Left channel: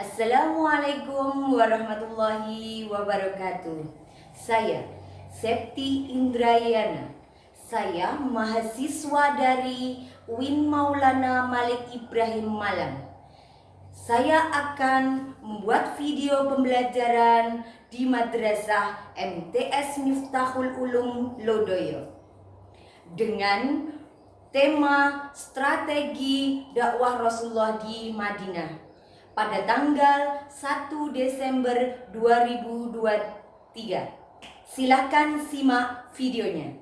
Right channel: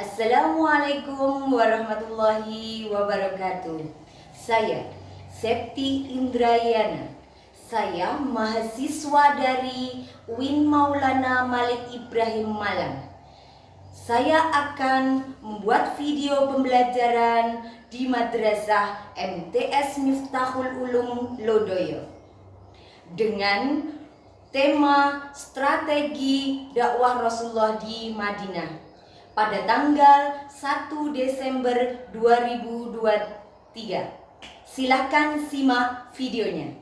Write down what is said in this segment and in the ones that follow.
Assalamualaikum warahmatullahi wabarakatuh. Saya Septi Indrayana. Saya mahasiswa dari UIN Maulana Malik Ibrahim Malang. Saya akan membuat video pembelajaran di Madrasah MTS Miftahul Ulum Lodoyo dengan tema strategi dakwah Rasulullah di Madinah pada tanggal 1 Desember 2023. Silakan simak videonya.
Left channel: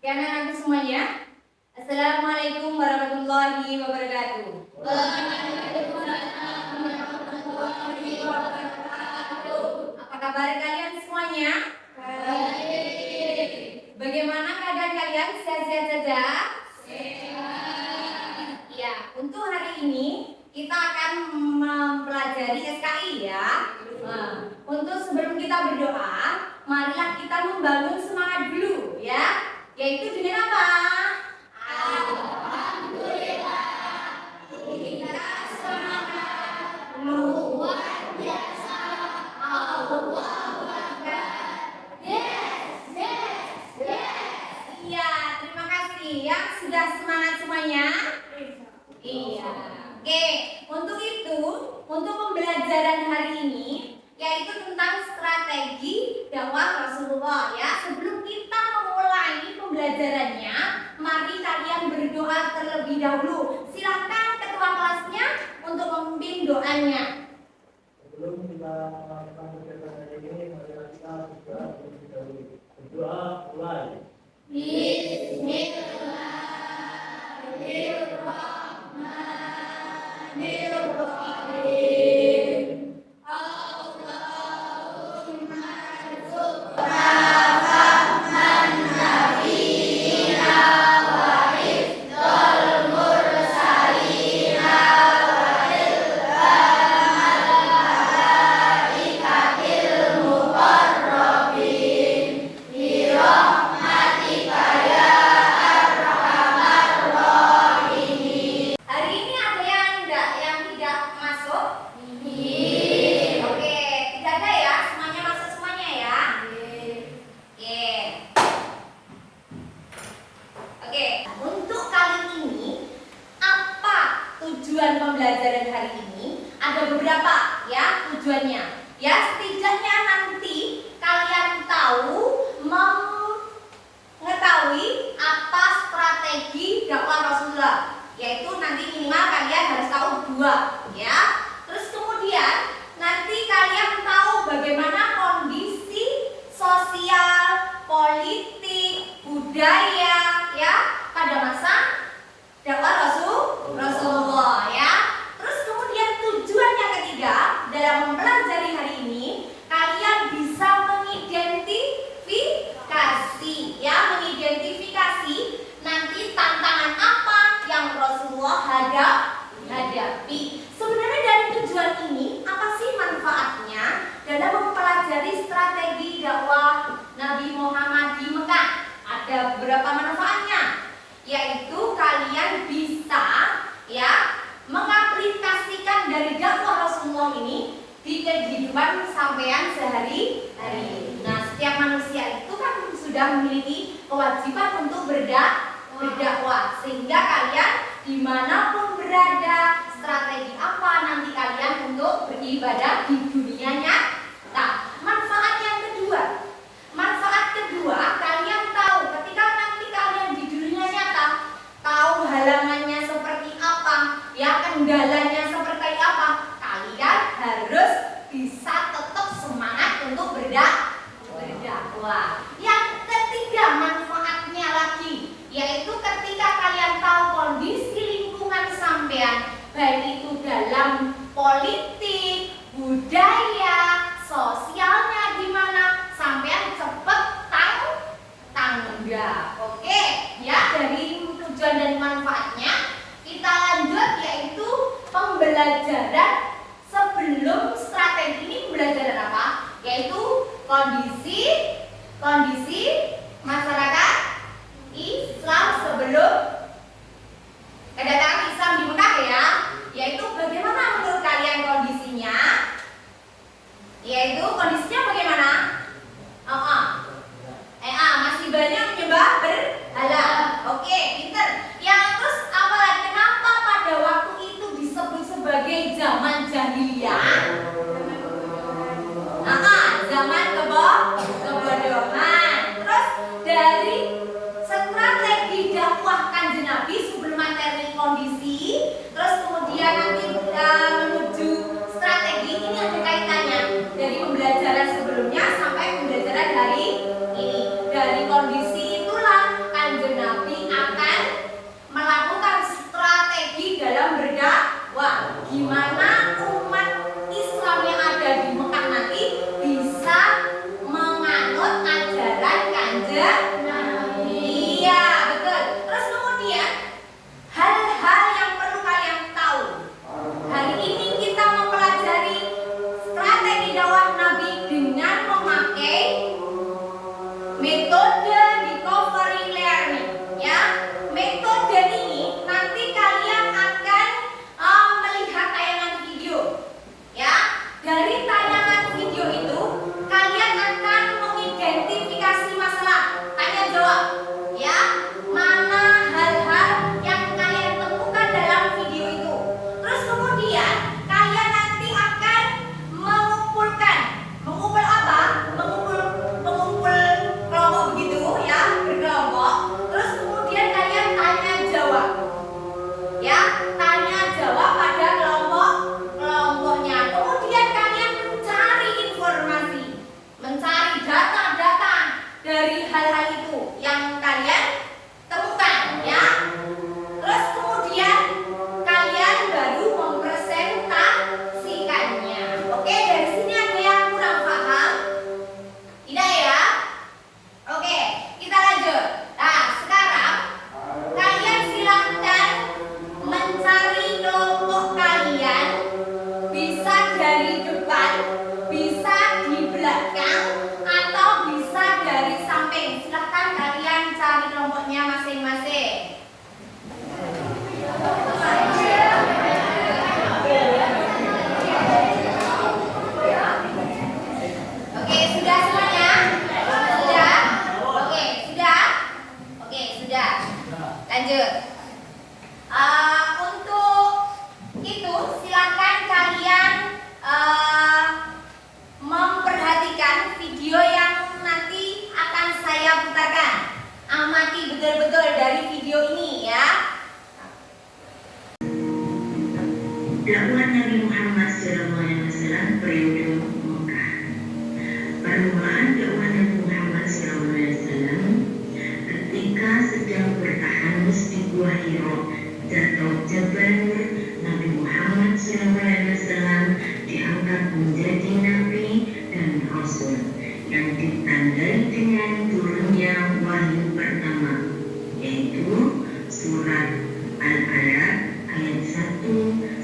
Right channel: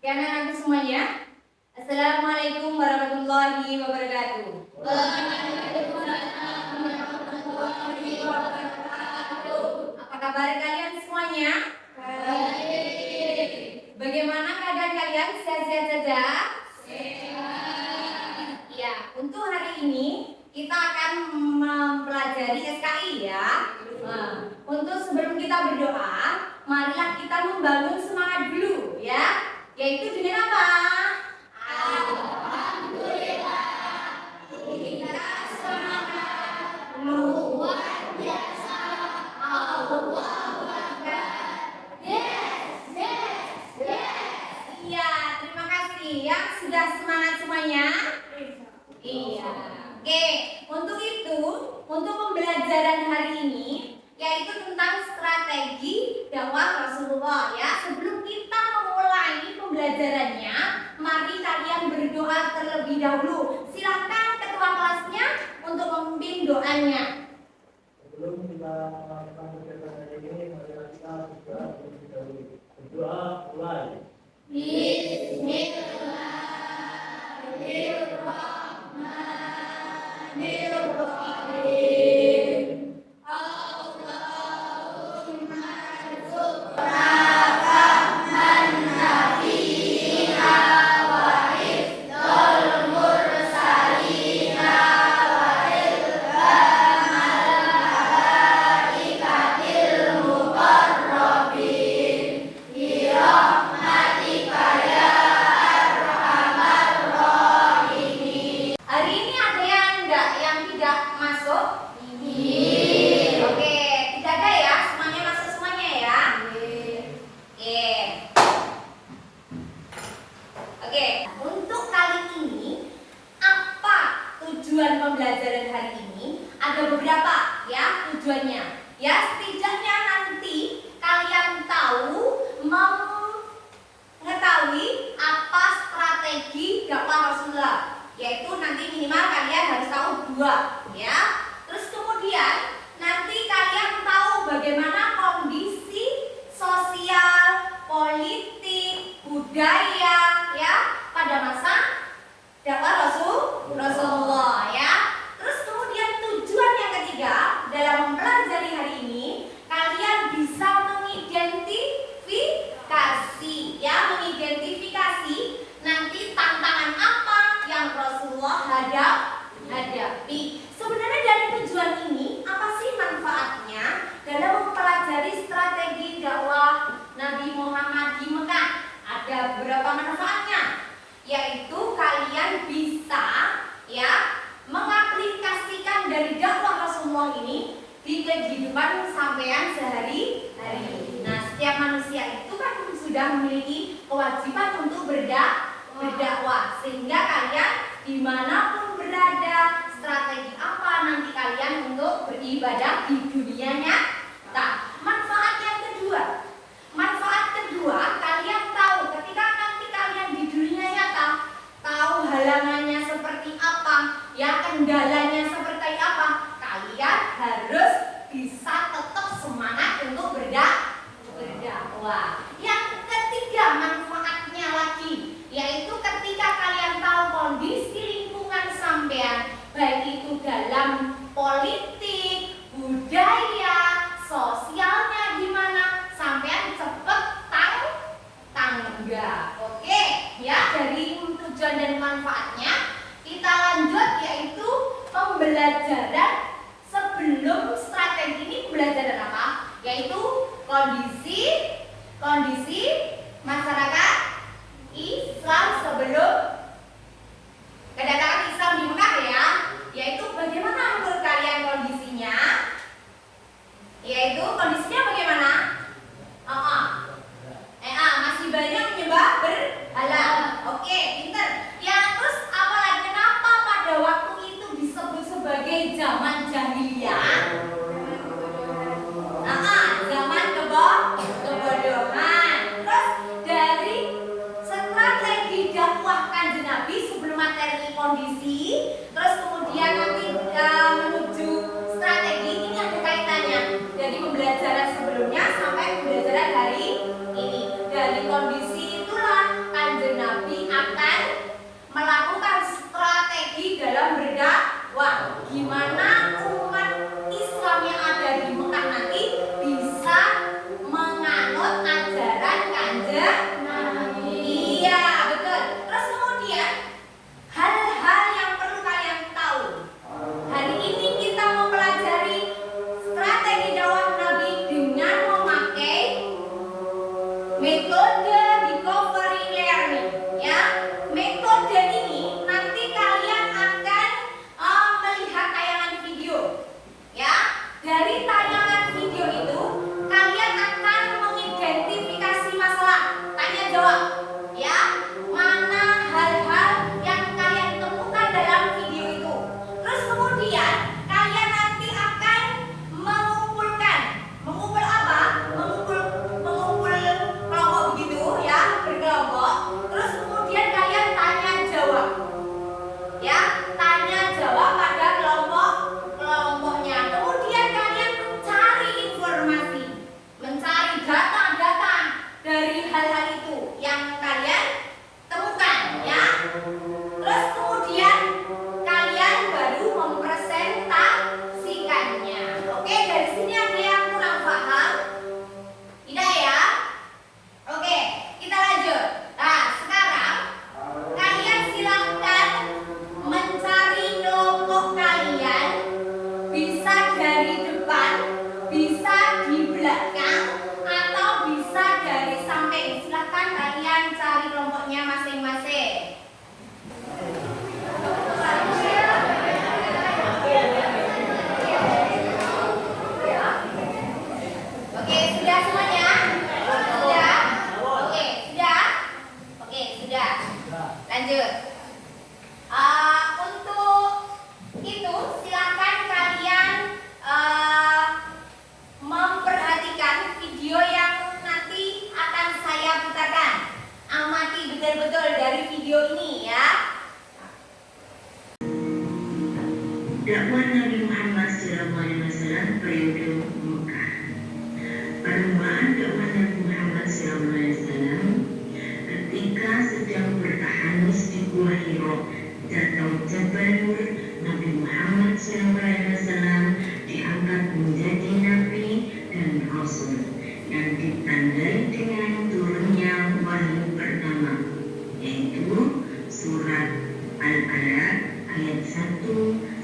Ya anak-anakku semuanya, Assalamualaikum warahmatullahi wabarakatuh. Apa kabar kalian semuanya? Baik. Bagaimana keadaan kalian? Sehat-sehat saja? Sehat. Ya, untuk hari ini kita akan mempelajari SKI ya. Untuk sebelum kita berdoa, marilah kita membangun semangat dulu ya. Yaitu dengan apa? Alhamdulillah. Kita semangat luar biasa. Allahu Akbar. Yes. Iya, terima kasih yang sudah semangat semuanya. Iya. Oke, untuk itu, untuk pembelajaran hari ini yaitu tentang strategi dakwah Rasulullah ya. Sebelum kita memulai pembelajarannya, mari kalian berdoa terlebih dahulu. Silakan ketua kelasnya untuk memimpin doanya. Sebelum kita melakukan kegiatan hari ini, mari kita berdoa terlebih dahulu. Berdoa mulai. Bismillahirrahmanirrahim. Hari ini ada yang tidak masuk? Oke, tidak ada ya, semuanya masuk semuanya ya. Oke, untuk kali ini apa tujuan pembelajaran hari ini? Ada beberapa ya tujuannya. Ya, setidaknya nanti kalian mengetahui apa strategi dakwah Rasulullah. Yaitu nanti minimal kalian harus tahu 2 ya. Terus kemudian nanti kalian tahu bagaimana kondisi sosial, politik, budaya ya pada masa dakwah Rasulullah ya. Terus kemudian tujuan yang ketiga dalam mempelajari hari ini, kalian bisa mengidentifikasi nanti tantangan apa yang Rasulullah hadapi. Sebenarnya dari tujuan ini apa sih manfaatnya dalam mempelajari strategi dakwah Nabi Muhammad di Mekah? Ada beberapa manfaatnya, yaitu kalian bisa ya mengaplikasikan dari dakwah Rasulullah ini di kehidupan sampean sehari-hari. Nah, setiap manusia itu kan sudah memiliki kewajiban untuk berdakwah, sehingga kalian dimanapun berada, strategi apa nanti kalian untuk beribadah di dunia nyata. Manfaat kedua, kalian tahu ketika nanti kalian di dunia nyata, tahu halangannya seperti apa, ya kendalanya seperti apa, kalian harus bisa tetap semangat untuk berdakwah. Yang ketiga manfaatnya lagi, yaitu ketika kalian tahu kondisi lingkungan sampean, baik itu dalam politik, budaya, kondisi masyarakat Islam sebelum kedatangan Islam di Mekah ya, yaitu bagaimana menurut kalian kondisinya? Yaitu kondisinya bagaimana? Masih banyak menyembah berhala. Oke, pinter. Yang terus apalagi kenapa pada waktu itu disebut sebagai zaman jahiliyah? Zaman kebodohan. Terus dari strategi dakwah Kanjeng Nabi sebelum materi kondisi, terus kemudian nanti menuju strategi, ini ada kaitannya dari pembelajaran sebelumnya sampai pembelajaran hari ini. Dari kondisi itulah Kanjeng Nabi akan melakukan strategi dalam berdakwah. Gimana umat Islam yang ada di Mekah nanti bisa menganut ajaran Kanjeng Nabi. Iya, betul. Terus kemudian hal-hal yang perlu kalian tahu. Hari ini kita mempelajari strategi dakwah Nabi dengan memakai metode recovery learning ya. Metode ini nanti kalian akan melihat tayangan video ya. Dari tayangan video itu kalian akan mengidentifikasi masalah, tanya jawab ya. Mana hal-hal yang kalian temukan dalam video itu. Terus kemudian kalian nanti akan mengumpul apa? Mengumpul kelompok begitu ya, berkelompok. Terus kemudian kalian tanya jawab ya, tanya jawab pada kelompoknya. Kemudian kalian mencari informasi, mencari data-data dari hal-hal itu yang kalian temukan ya. Terus kemudian kalian baru mempresentasikannya. Oke, dari sini ada yang kurang paham? Tidak ya? Oke, kita lanjut. Nah, sekarang kalian silahkan mencari kelompok kalian. Bisa dari depan, bisa di belakang, atau bisa dari samping. Silahkan kalian cari kelompoknya masing-masing. Oke, sudah semuanya? Sudah? Oke, sudah? Oke, sudah. Lanjut. Untuk itu silakan kalian memperhatikan video yang nanti akan saya putarkan. Amati betul-betul dari video ini ya. Dakwah Nabi Muhammad SAW periode Mekah. Permulaan dakwah Nabi Muhammad SAW ketika sedang bertahanus di Gua Hira atau Jabal Nur, Nabi Muhammad SAW diangkat menjadi Nabi dan Rasul yang ditandai dengan turunnya wahyu pertama, yaitu surat Al-Alaq ayat 1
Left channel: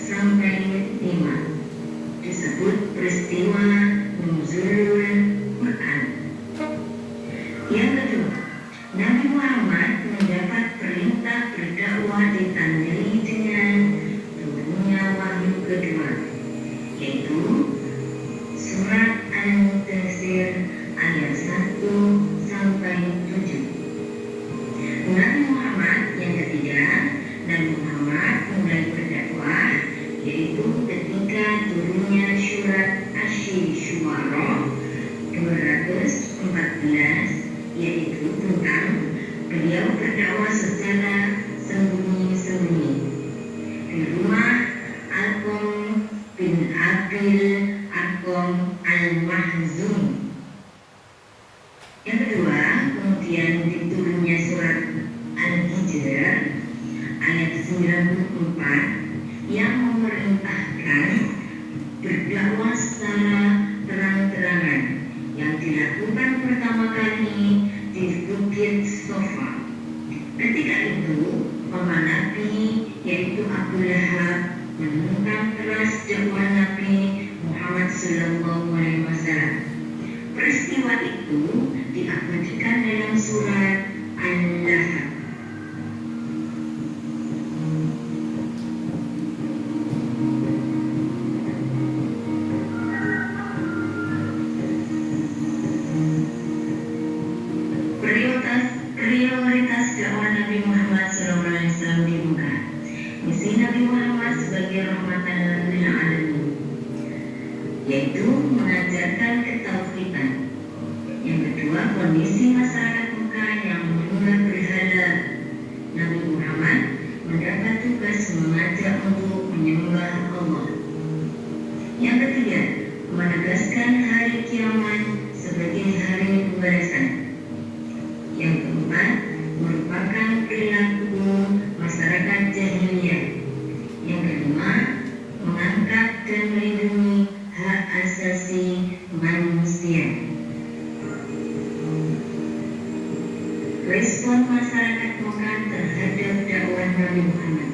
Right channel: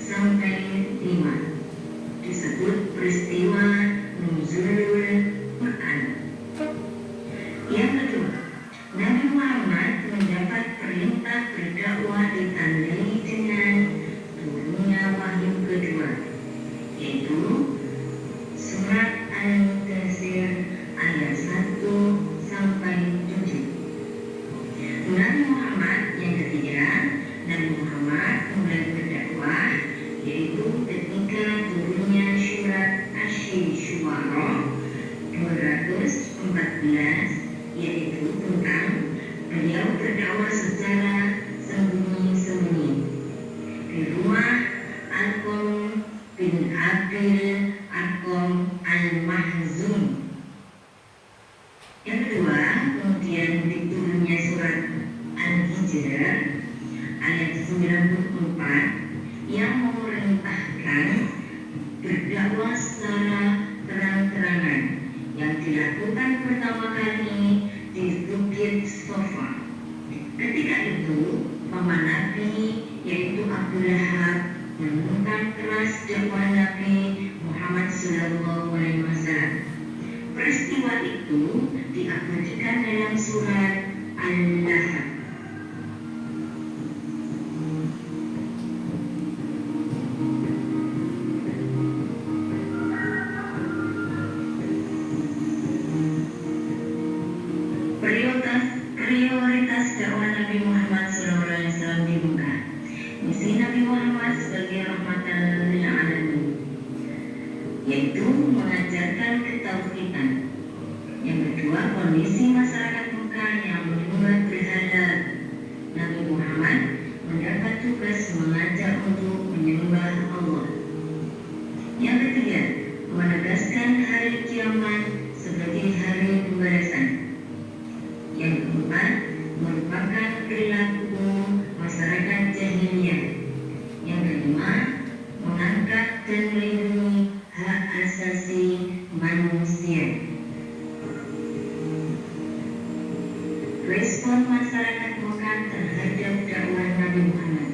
sampai 5, disebut peristiwa Nuzulul Quran. Yang kedua, Nabi Muhammad mendapat perintah berdakwah ditandai dengan turunnya wahyu kedua, yaitu surat Al-Mudaththir ayat 1 sampai 7. Nabi Muhammad yang ketiga, Nabi Muhammad mulai berdakwah yaitu ketika turunnya surat Asy-Syu'ara 214, yaitu tentang beliau berdakwah secara sembunyi-sembunyi di rumah Al-Qam bin Abil Al-Qam Al-Mahzum. Yang kedua, kemudian diturunnya surat Al-Hijr ayat 94 yang memerintahkan berdakwah secara terang-terangan yang dilakukan pertama kali di Bukit Sofa. Ketika itu, paman Nabi yaitu Abu Lahab menentang keras dakwah Nabi Muhammad SAW. Peristiwa sifat itu diabadikan dalam surat Al-Lahab. Prioritas dakwah Nabi Muhammad SAW dibuka. Misi Nabi Muhammad sebagai rahmatan lil alamin, yaitu mengajarkan ketauhidan. Yang kedua, kondisi masyarakat Mekah yang menyembah berhala. Nabi Muhammad mendapat tugas mengajak untuk menyembah Allah. Yang ketiga, menegaskan hari kiamat sebagai hari pembalasan. Yang keempat, merupakan perilaku masyarakat jahiliyah. Yang kelima, mengangkat dan melindungi hak asasi manusia. Respon masyarakat Mekah terhadap dakwah Nabi Muhammad.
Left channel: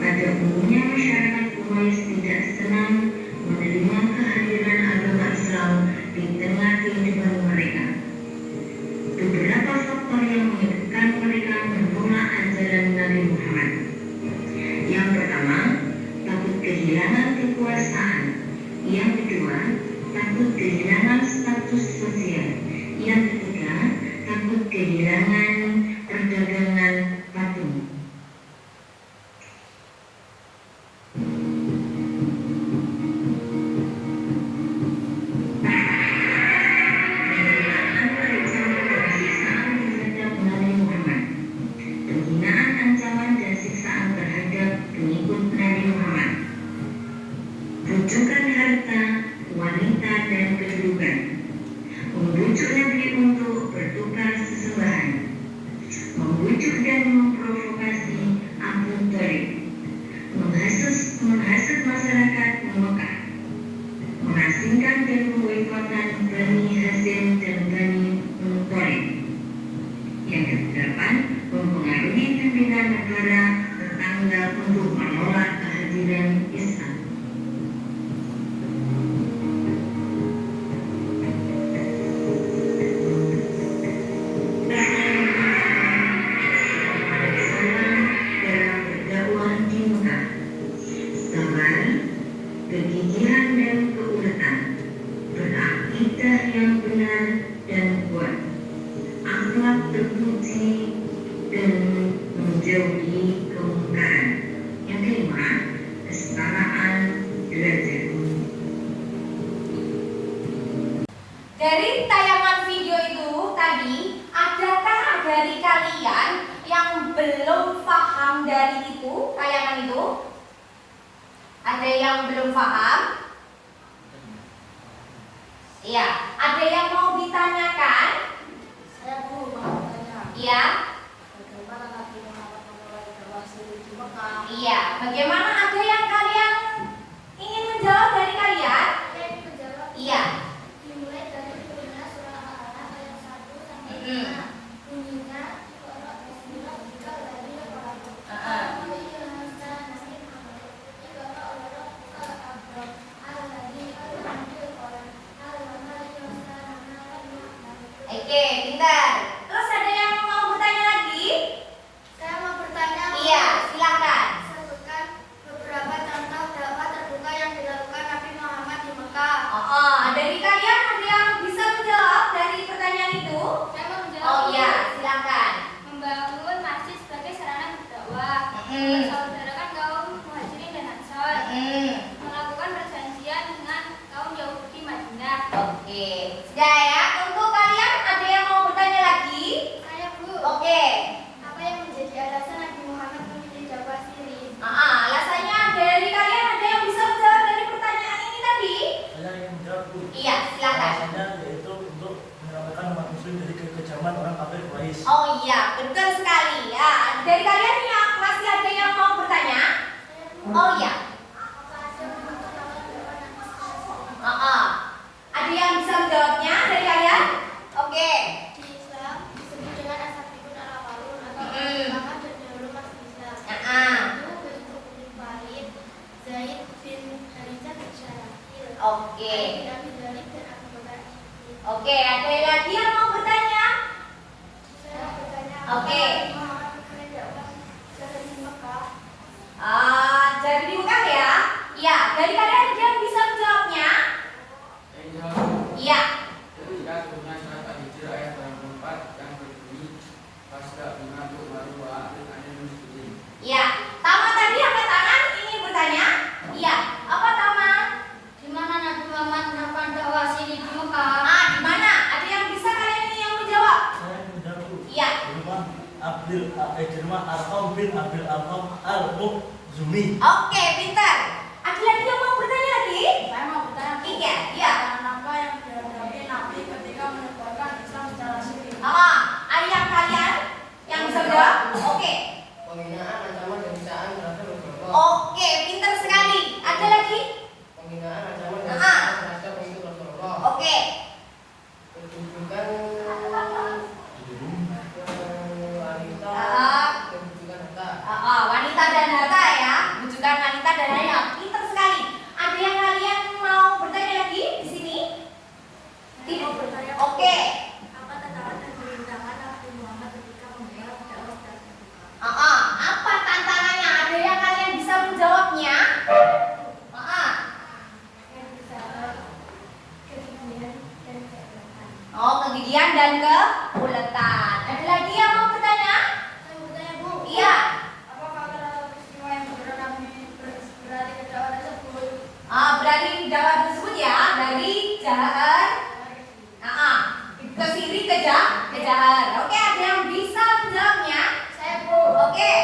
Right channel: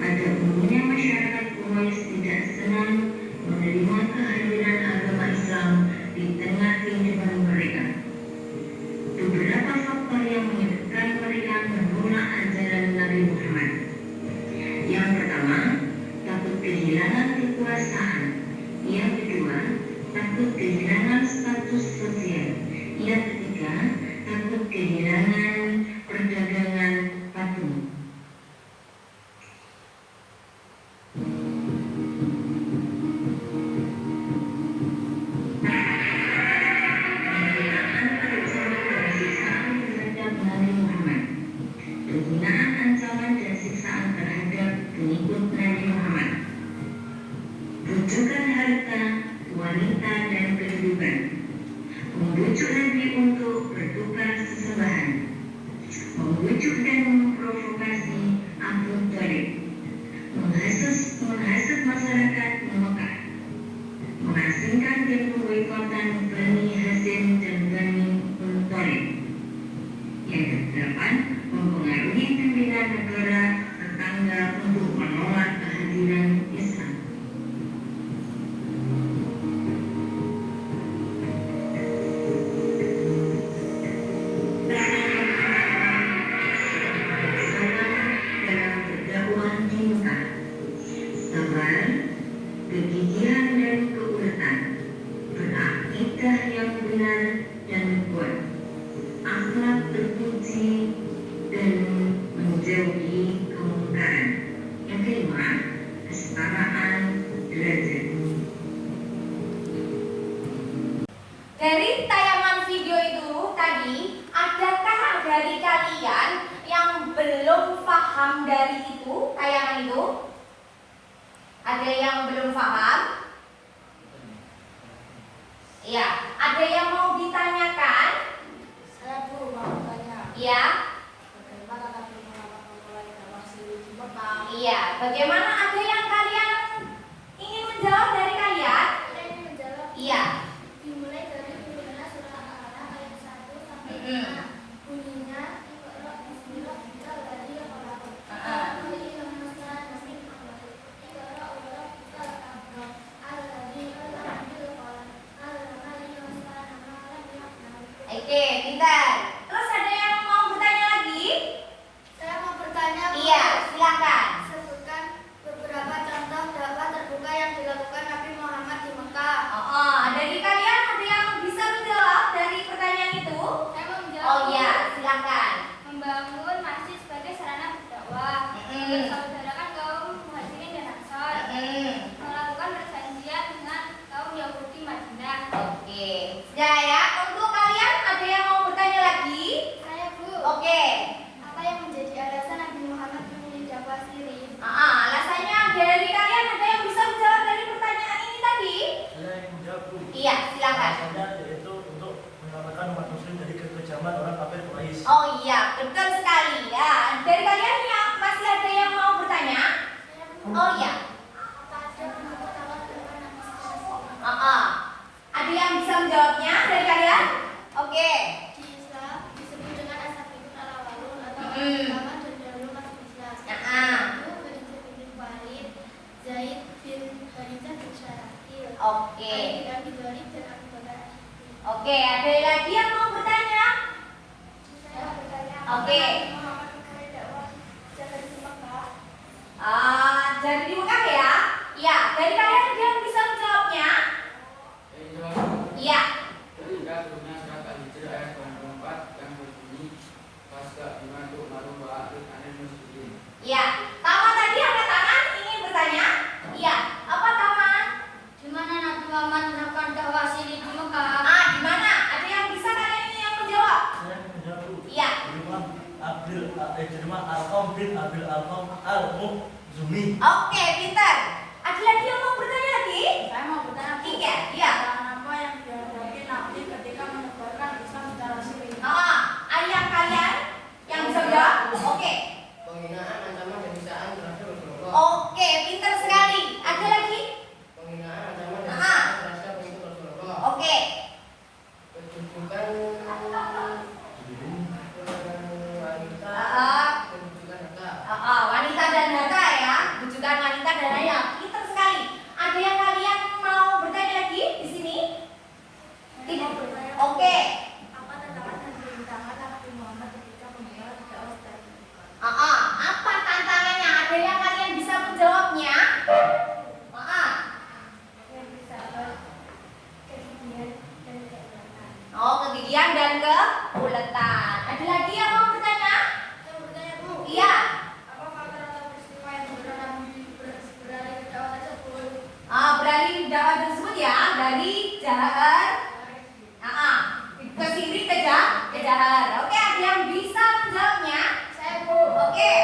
Pada umumnya masyarakat Quraisy tidak senang menerima kehadiran agama Islam di tengah kehidupan mereka. Beberapa faktor yang menyebabkan mereka menolak ajaran Nabi Muhammad. Yang pertama, takut kehilangan kekuasaan. Yang kedua, takut kehilangan status sosial. Yang ketiga, takut kehilangan perdagangan patung. Penghinaan, ancaman, dan siksaan terhadap pengikut Nabi Muhammad. Rujukan harta, wanita, dan kedudukan. Membujuk Nabi untuk bertukar sesembahan. Membujuk dan memprovokasi Abu Thalib. Menghasut masyarakat Mekah. Mengasingkan dan memboikotkan Bani Hashim dan Bani Muthalib. Yang kedelapan, mempengaruhi pimpinan negara tetangga untuk menolak kehadiran Islam. Dalam berdakwah di Mekah, sabar, kegigihan dan keuletan, berakidah yang benar dan kuat, akhlak terpuji, dan menjauhi kemungkaran. Yang kelima, kesetaraan derajat. Dari tayangan video itu tadi, adakah dari kalian yang belum paham dari itu, tayangan itu? Ada yang belum paham? Iya, ada yang mau ditanyakan? Saya Bu mau tanya, Iya. bagaimana Nabi Muhammad memulai dakwah di Mekah? Iya, bagaimana ada yang kalian ingin menjawab dari kalian? Saya ingin menjawab. Iya. Dimulai dari turunnya surah Al-A'raf ayat 1 sampai 5. Bunyinya, Iqra bismillah bika ladzi khalaq. Allahu ihsan nasim amal. Iqra wa rabbukal akbar. Alladzi khalaq bil qalam. Allama al-insana ma lam ya'lam. Oke, pintar. Terus ada yang mau bertanya lagi? Saya mau bertanya. Iya, silakan. Sebutkan beberapa contoh dakwah terbuka yang dilakukan Nabi Muhammad di Mekah. Dari kalian ada yang bisa menjawab dari pertanyaan itu? Saya mau menjawab. Oh iya, silakan. Membangun masjid sebagai sarana berdakwah. Mensaudarakan kaum Muhajirin dan Ansor. Melakukan perjanjian dengan kaum Yahudi Madinah. Oke, sudah ya. Untuk kalian ada yang mau bertanya lagi? Saya Bu. Oke. Apa yang menjadi alasan Nabi Muhammad memilih dakwah siri? Alasannya dari kalian ada yang bisa menjawab dari pertanyaan ini tadi? Saya ingin menjawab, Bu. Iya, silakan. Alasannya yaitu untuk menyelamatkan umat muslim dari kekejaman orang kafir Quraisy. Oh iya, betul sekali ya. Dari kalian yang masih ada yang mau bertanya? Oh iya. Apa ada menemukan awal kehidupan Nabi SAW? Ada yang bisa menjawabnya dari kalian? Oke. Di Islam disebut dengan As-Sabiqun al-Awwalun atau Mm-mm. pertama terdahulu masuk Islam. Ah. Itu Walid bin Walid, Zaid bin Harithah bin Syarahil, Oke. Ali bin Abi Thalib dan Abu Bakar Siddiq. Oke, ada lagi yang mau bertanya? Saya bertanya. Oke. Muhammad dakwah jalan di Mekah. Jadi di Mekah ya? Ya, dari kalian ada yang bisa menjawabnya? Iya. Ketika turunnya surat Al-Hijr ayat 84 yang berbunyi Fasda bimantuk maru wa a'rid 'anil musyrikin. Iya. Tama tadi angkat tangan ingin bertanya? Iya. Apa Tama? Di mana Nabi Muhammad melakukan dakwah siri di Mekah? Di mana? Ada yang bisa kalian ini yang menjawab? Saya menjawab. Iya. Di rumah Arqam bin Abil Arqam Al-Mukhzumi. Oke, pintar. Ada lagi yang mau bertanya lagi? Saya mau bertanya, Bu. Iya, iya. Jalan apa yang dihadapi Nabi ketika menyebarkan Islam secara siri? Ada yang kalian yang bisa menjawab? Oke. Penghinaan, ancaman, dan bisaan terhadap Rasulullah. Oke, pintar sekali. Ada lagi? Penghinaan, ancaman, dan Ah. bisaan terhadap pengikut Rasulullah. Oke. Kedudukan wanita, Ah. kedudukan harta. Wanita dan harta ya, bujukan wanita dan harta. Pintar sekali. Ada yang kalian mau bertanya lagi di sini? Saya mau bertanya, Bu. Oke. Apa tantangan yang dirintangan Nabi Muhammad ketika membuat dakwah secara terbuka? Apa tantangannya? Ada yang kalian bisa menjawabnya? Yang bisa kegigihan dan kegiatan. Kegigihan dan keuletan. Ada lagi yang mau bertanya? Saya bertanya, Bu. Iya. Apakah rata-rata peristiwa yang membuat Nabi beralih ke dakwah tersebut? Beralih dakwah tersebut ya dari Jahar. Ke sini ke Jahar. Oke, ada yang bisa menjawabnya? Saya, Bu. Oke.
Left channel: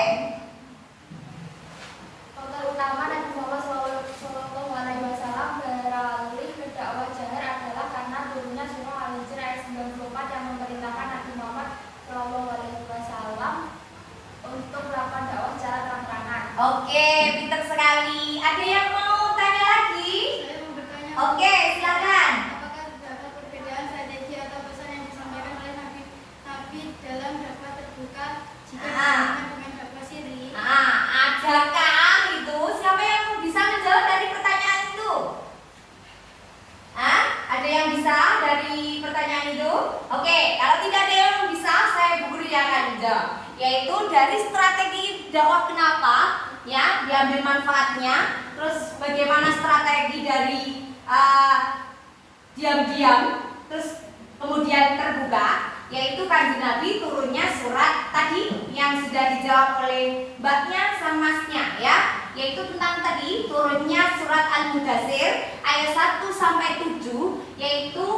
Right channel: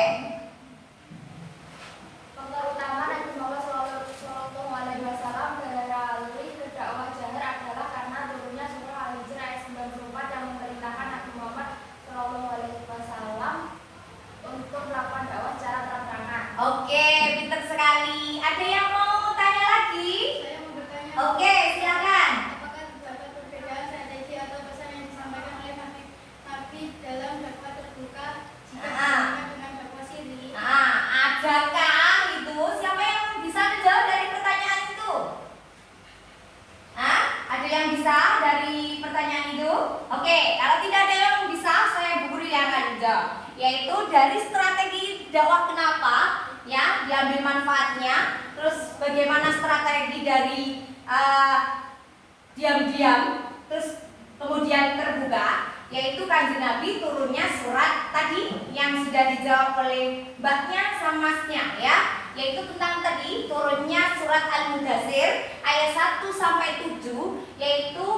Faktor utama Nabi Muhammad Sallallahu Alaihi Wasallam beralih ke dakwah jahar adalah karena turunnya surah Al-Hijr ayat 94 yang memerintahkan Nabi Muhammad Sallallahu Alaihi Wasallam untuk melakukan dakwah secara terang-terangan. Oke, pintar sekali. Ada yang mau tanya lagi? Saya mau bertanya, Oke, silakan. apakah terdapat perbedaan strategi atau pesan yang disampaikan oleh Nabi dalam dakwah terbuka jika dibandingkan dengan dakwah siri? Adakah itu? Siapa yang bisa menjawab dari pertanyaan itu? Ada yang bisa dari pertanyaan itu? Oke, kalau tidak ada yang bisa, saya Bu Guru yang akan menjawab. Yaitu dari strategi dakwah kenapa, ya, diambil manfaatnya. Terus bagaimana strategi dari diam-diam, terus kemudian terbuka, yaitu Kanjeng Nabi turunnya surat tadi yang sudah dijawab oleh Mbaknya sama Masnya ya, yaitu tentang tadi turunnya surat Al-Mudaththir ayat 1 sampai 7, yaitu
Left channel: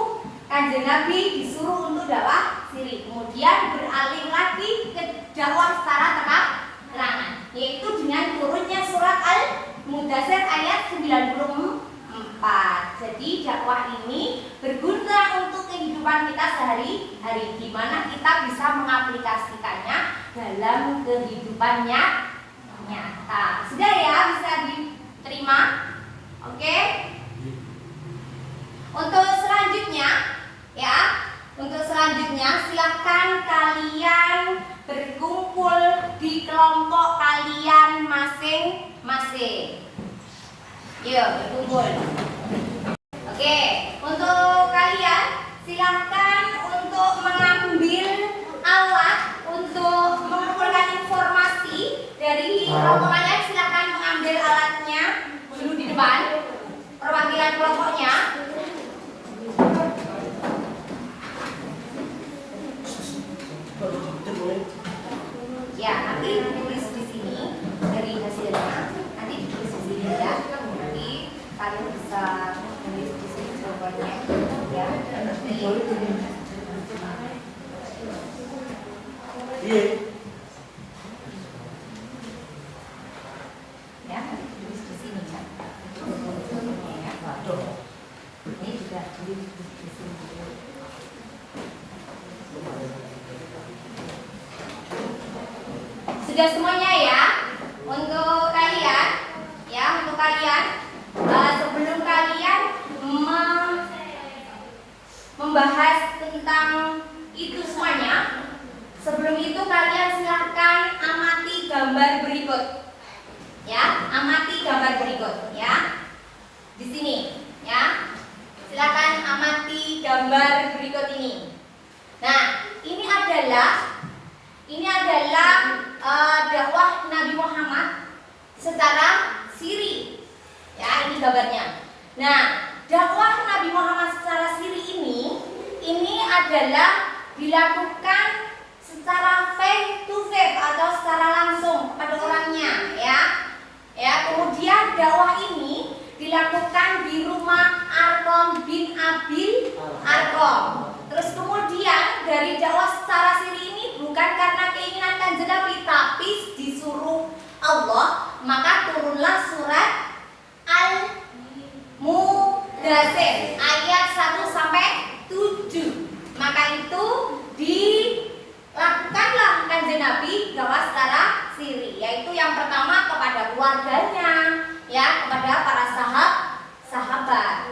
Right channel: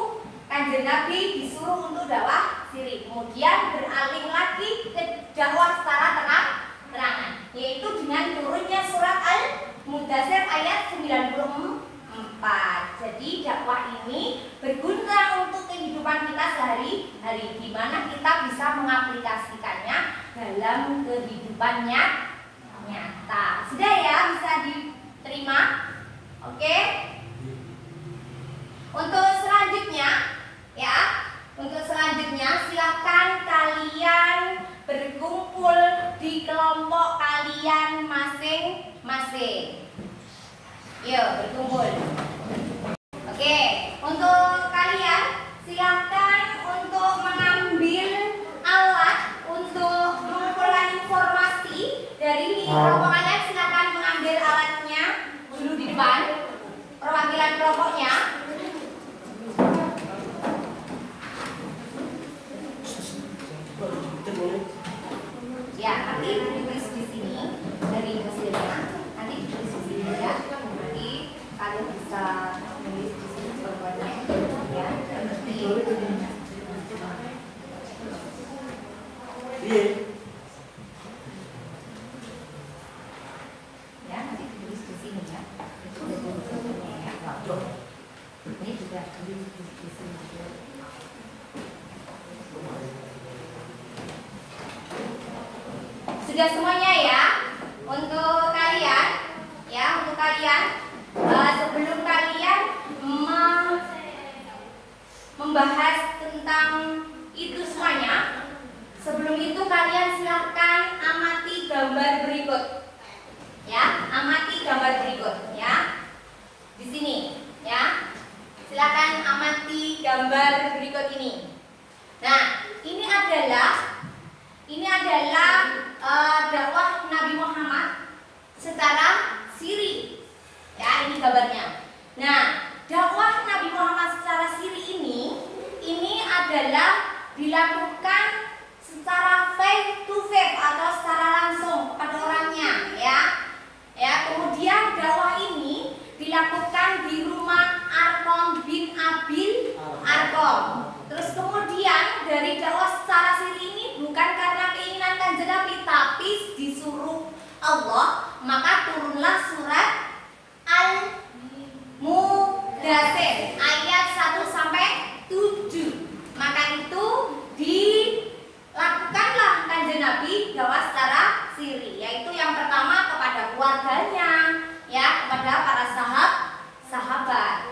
Kanjeng Nabi disuruh untuk dakwah siri, kemudian beralih lagi ke dakwah secara terang-terangan, yaitu dengan turunnya surat Al-Mudaththir ayat 94. Jadi dakwah ini berguna untuk kehidupan kita sehari-hari, di mana kita bisa mengaplikasikannya dalam kehidupannya nyata. Sudah ya, bisa diterima? Oke. Untuk selanjutnya ya, untuk selanjutnya silakan kalian berkumpul di kelompok kalian masing-masing. Yuk, berkumpul. Oke, untuk kalian silakan untuk mengambil alat untuk mengumpulkan informasi dari kelompok kalian. Silakan mengambil alatnya dulu di depan. Perwakilan kelompoknya. Ya, nanti ditulis di sini dari hasilnya. Nanti ditulis di sini ya. Nanti kalian bisa menulis di sini jawabannya ya. Iya. Ya, nanti ditulis di sini ya. Ini juga ditulis di sini. Sudah semuanya ya. Untuk kalian ya, untuk kalian sebelum kalian membahas tentang itu semuanya, sebelum itu kalian silahkan amati gambar berikut. Ya, amati gambar berikut ya. Di sini ya. Silakan amati gambar berikut ini. Nah, ini adalah dakwah Nabi Muhammad secara siri. Ya, ini gambarnya. Nah, dakwah Nabi Muhammad secara siri ini adalah dilakukan secara face to face atau secara langsung kepada orangnya, ya. Kemudian dakwah ini dilakukan di rumah Arqam bin Abil Arqam. Terus kemudian dari dakwah secara siri ini bukan karena keinginan Kanjeng Nabi, tapi disuruh Allah, maka turunlah surat Al-Mudaththir ayat 1 sampai 7. Maka itu dilakukanlah Kanjeng Nabi dakwah secara siri, yaitu yang pertama kepada keluarganya, ya, kepada para sahabat.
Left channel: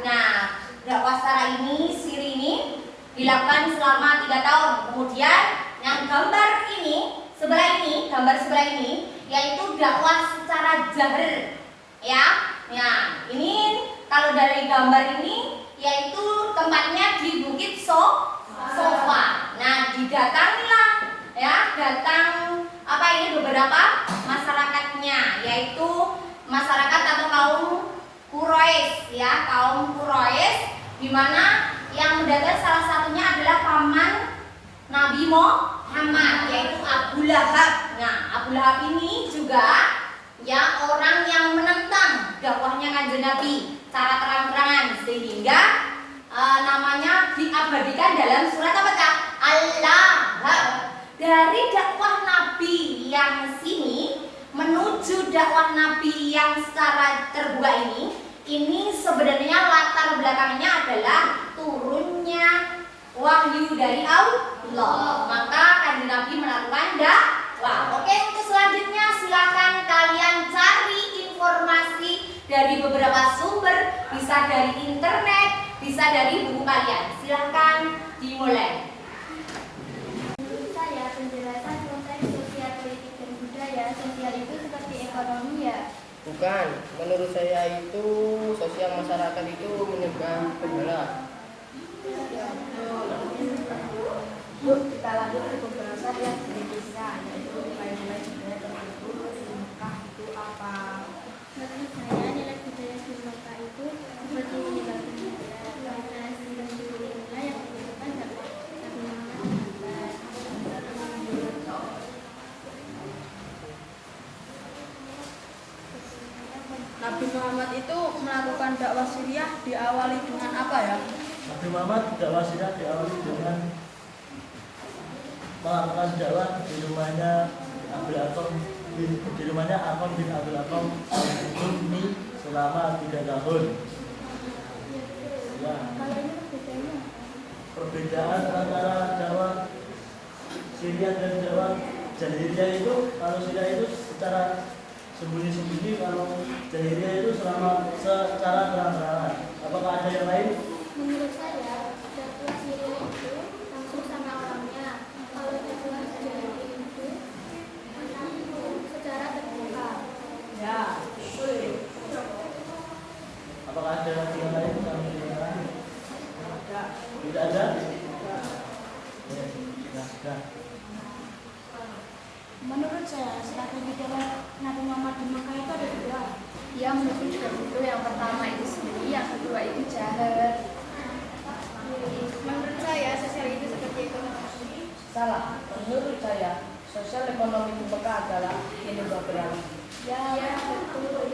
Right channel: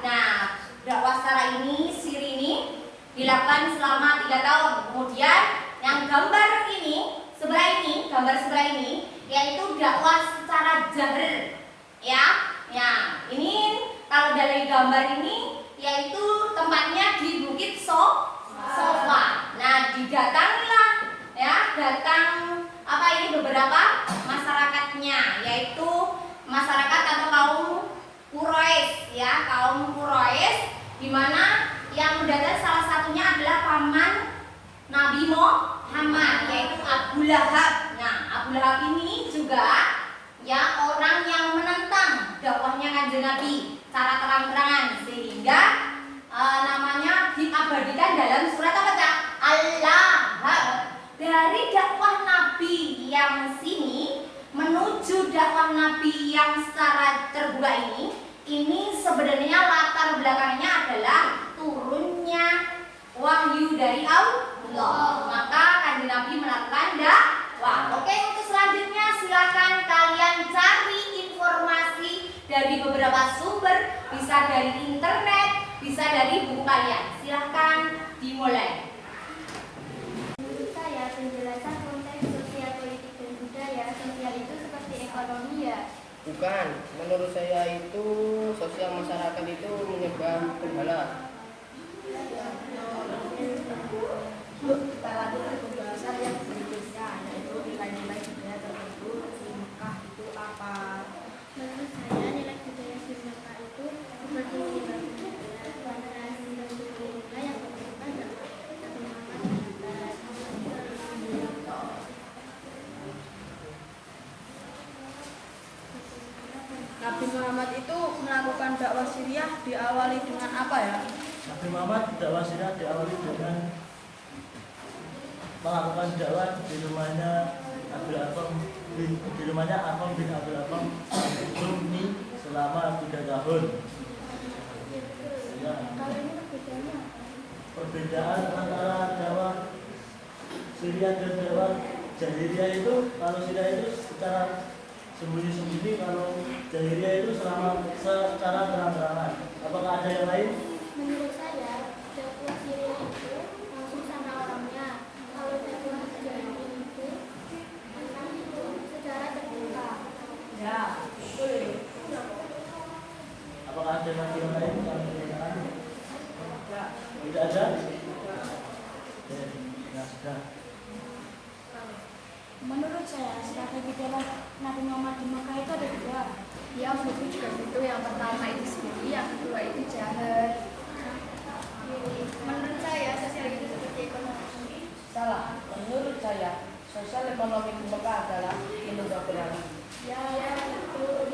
Nah, dakwah secara siri ini dilakukan selama 3 tahun. Kemudian yang gambar sebelah ini yaitu dakwah secara jahar, ya. Nah, ini kalau dari gambar ini yaitu tempatnya di Bukit Sofa. Nah, didatangilah, ya, beberapa masyarakatnya, yaitu masyarakat atau kaum Quraisy, ya, di mana yang mendatangi salah satunya adalah paman Nabi Muhammad, yaitu Abu Lahab. Nah, Abu Lahab ini juga, ya, orang yang menentang dakwahnya Kanjeng Nabi secara terang-terangan, sehingga namanya diabadikan dalam surat apa, Kak? Al-Lahab. Dari dakwah Nabi yang sini menuju dakwah Nabi yang secara terbuka ini sebenarnya latar belakangnya adalah turunnya wahyu dari Allah. Maka Kanjeng Nabi melakukan dakwah. Oke, untuk selanjutnya silakan kalian cari informasi dari beberapa sumber, bisa dari internet, bisa dari buku kalian. Silakan dimulai. Menurut saya, penjelasan konteks sosial, politik, dan budaya. Sosial itu seperti ekonomi, ya? Bukan, menurut saya itu sosial masyarakat itu menyebar berhala. Kita lanjut ke pembahasan yang berikutnya, yaitu nilai-nilai budaya tertentu di Mekah itu apa? Menurut saya, nilai budaya di Mekah itu seperti menyebar budaya, generasi dan nilai yang menunjukkan dakwah Nabi Muhammad sahabat. Nabi Muhammad itu melakukan dakwah Syriah diawali dengan apa, ya? Nabi Muhammad dakwah Syriah diawali dengan melakukan dakwah di rumahnya Arqam bin Abil Arqam ini selama 3 tahun. Ya. Kalau ini bedanya apa? Perbedaan antara dakwah Syriah dan dakwah Jahiliyah itu, kalau Syriah itu secara sembunyi-sembunyi, kalau Jahiliyah itu secara terang-terangan. Apakah ada yang lain? Menurut saya, dakwah Syria itu langsung sama orangnya. Kalau dakwah Jahiliyah itu secara terbuka. Ya, betul. Apakah ada lagi yang lain? Tidak ada? Ya, sudah. Menurut saya, strategi dakwah Nabi Muhammad di Mekah itu ada 2. Ya, menurut saya itu yang pertama itu sendiri, yang kedua itu jahar. Menurut saya, sosial itu seperti ekonomi. Salah, menurut saya sosial ekonomi di Mekah adalah ilmu beralih. Ya, betul.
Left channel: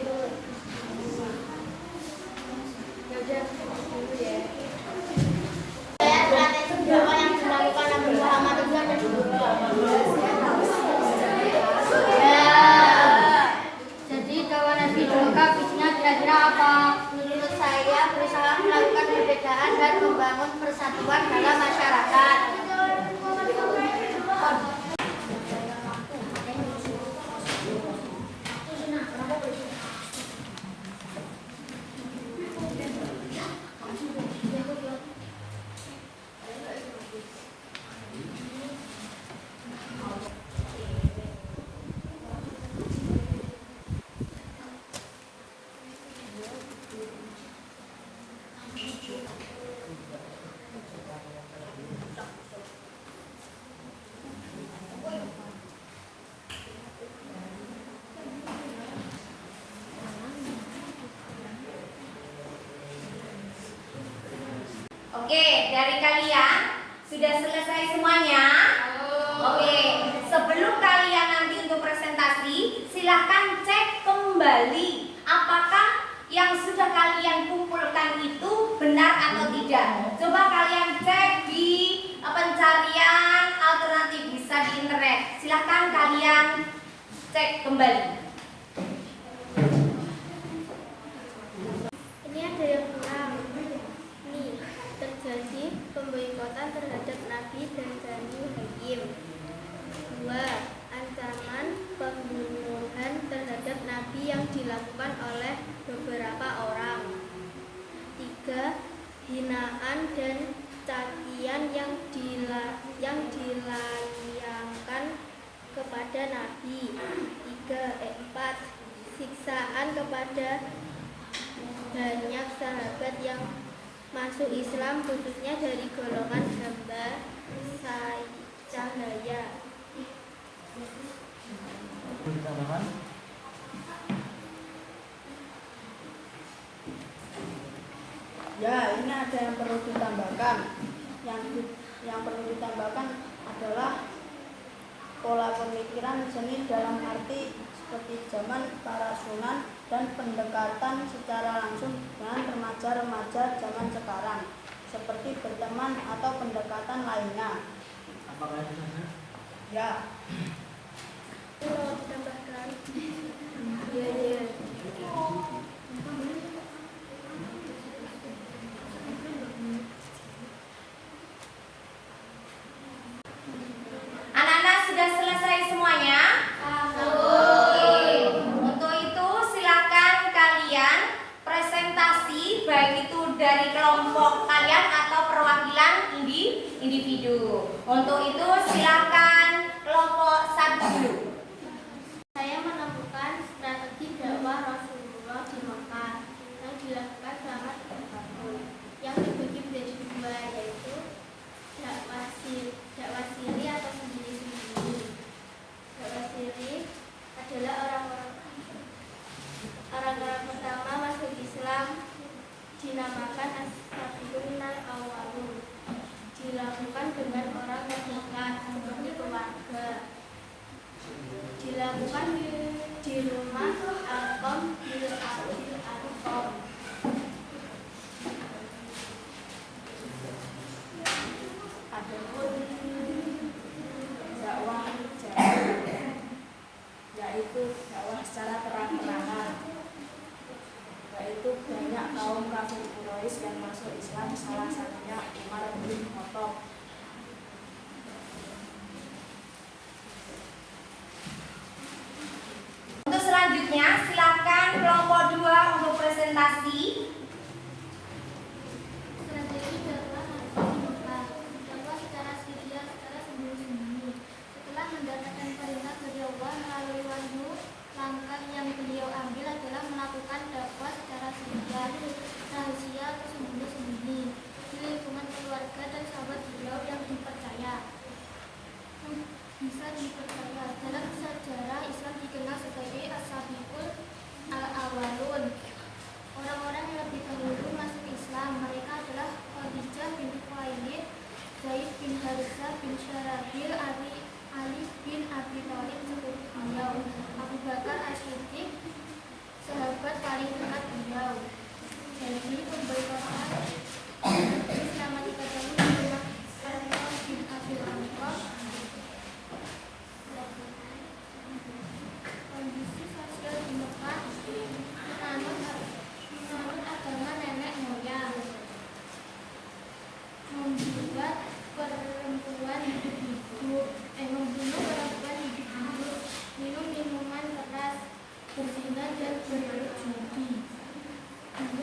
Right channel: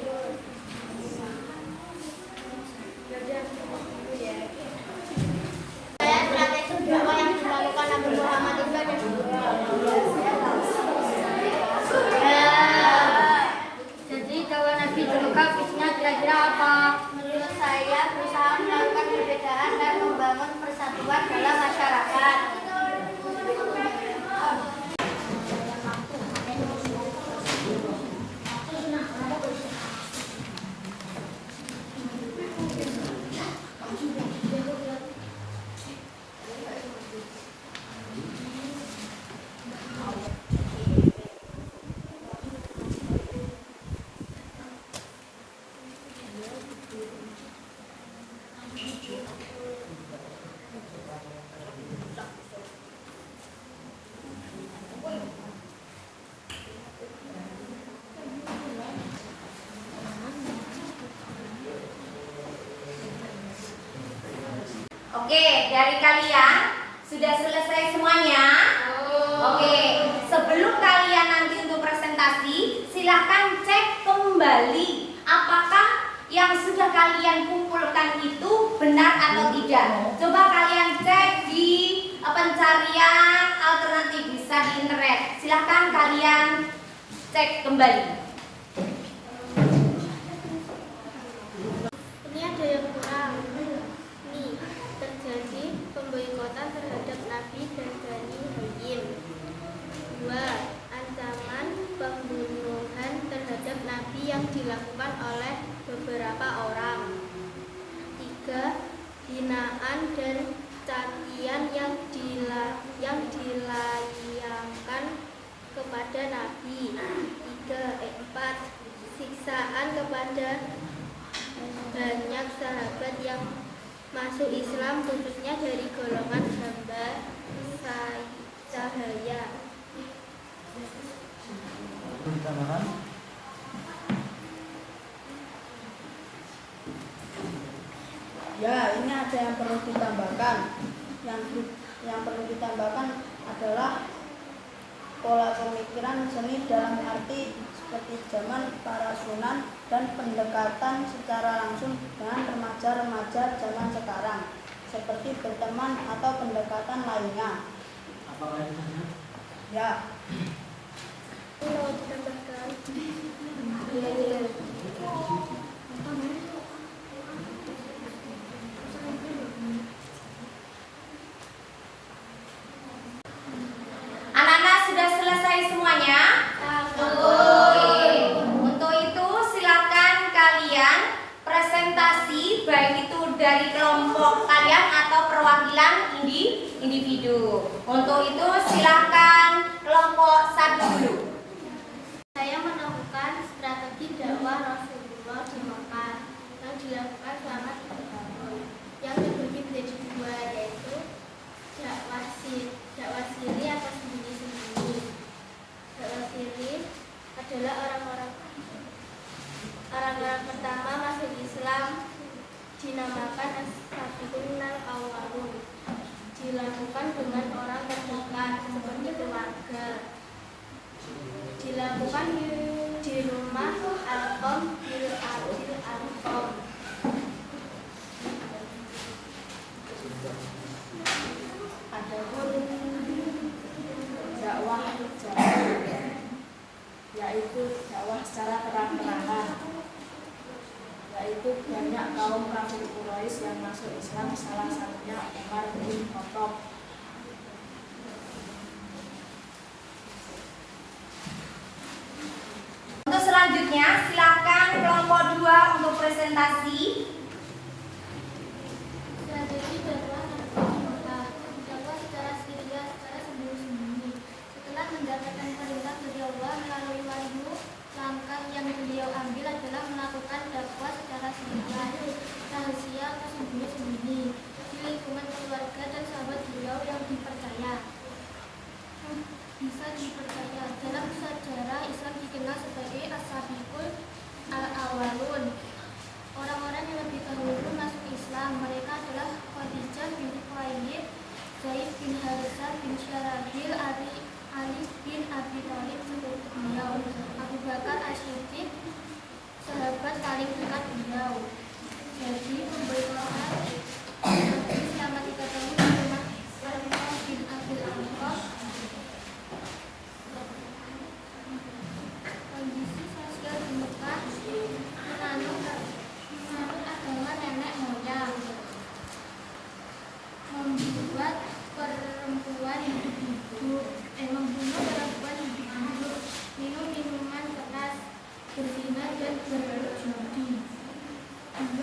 Dulu ya. Saya strategi dakwah yang dilakukan Nabi Muhammad itu ada 2. Jadi kalau Nabi di Mekah visinya kira-kira apa? Menurut saya berusaha melakukan perbedaan dan membangun persatuan dalam masyarakat. Oke, dari kalian sudah selesai semuanya? Oke, sebelum kalian nanti untuk presentasi, silahkan cek kembali apakah yang sudah kalian kumpulkan itu benar atau tidak. Coba kalian cek di pencarian alternatif, bisa di internet. Silahkan kalian cek kembali. Ini ada yang kurang. Nih, terjadi pemboikotan terhadap Nabi dan Bani Hasyim. 2. Ancaman pembunuhan terhadap Nabi yang dilakukan oleh beberapa orang. 3. Hinaan dan cacian yang dilayangkan kepada Nabi. 4. Siksaan kepada banyak sahabat yang masuk Islam, khususnya dari golongan hamba cahaya. Ditambahkan. Ya, ini ada yang perlu ditambahkan. Yang perlu ditambahkan adalah pola pemikiran seni dalam arti seperti zaman para sunan dan pendekatan secara langsung dengan remaja-remaja zaman sekarang, seperti berteman atau pendekatan lainnya. Apakah itu saja? Ya. Mau ditambahkan? Iya. Anak-anak sudah selesai semuanya? Oke. Untuk itu silakan kalian presentasi, baik itu dari kelompok kalian atau perwakilan individu. Untuk itu silakan kelompok 1 dulu. Saya menemukan strategi dakwah Rasulullah di Mekah yang dilakukan selama 3 tahun, yang dibagi menjadi 2, yaitu dakwah siri atau sembunyi-sembunyi. Dakwah siri adalah orang-orang pertama masuk Islam, dinamakan as-sabiqun al-awwalun. Dilakukan dengan orang terdekat seperti keluarga. Dilakukan di rumah Al-Qom bil Adil Al-Qom. Adapun dakwah jamaah, yaitu dakwah secara terang-terangan, yaitu banyak kaum kafir Quraisy yang masuk Islam, salah satunya Umar bin Khattab. Untuk selanjutnya silakan kelompok 2 untuk presentasi. Strategi dakwah Nabi Mekah. Dakwah secara siri, secara sembunyi-sembunyi. Setelah mendapatkan perintah dari Allah melalui wahyu, langkah yang beliau ambil adalah melakukan dakwah secara siri, rahasia atau sembunyi-sembunyi di lingkungan keluarga dan sahabat beliau yang bisa dipercaya. Dalam sejarah Islam dikenal sebagai as-sabiqun al-awwalun, orang-orang yang lebih dahulu masuk Islam. Mereka adalah Khadijah binti Khuwailid, Zaid bin Harisah bin Syarahil, Ali bin Abi Thalib sepupu beliau, Abu Bakar As-Siddiq, sahabat paling dekat beliau. Jadi pemboikotan Nabi selama 3 tahun di rumah Al-Qom bin Abil Al-Qom. Kondisi sosial di Mekah menganut agama nenek moyang, membuat perempuan hidup-hidup, membunuh perempuan hidup-hidup, minum minuman keras, berzina dan berjudi. 2.